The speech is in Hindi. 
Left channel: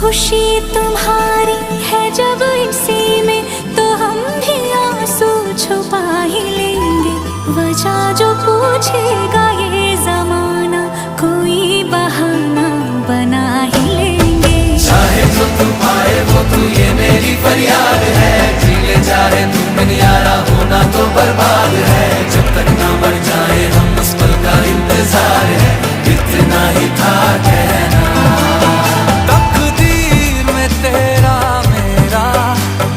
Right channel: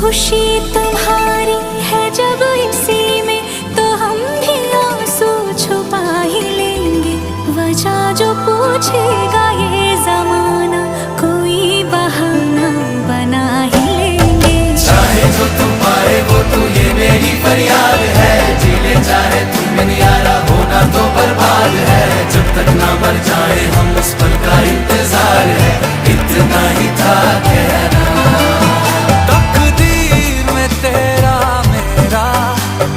खुशी तुम्हारी है जब इसी में, तो हम भी आंसू छुपा ही लेंगे। वजह जो पूछेगा ये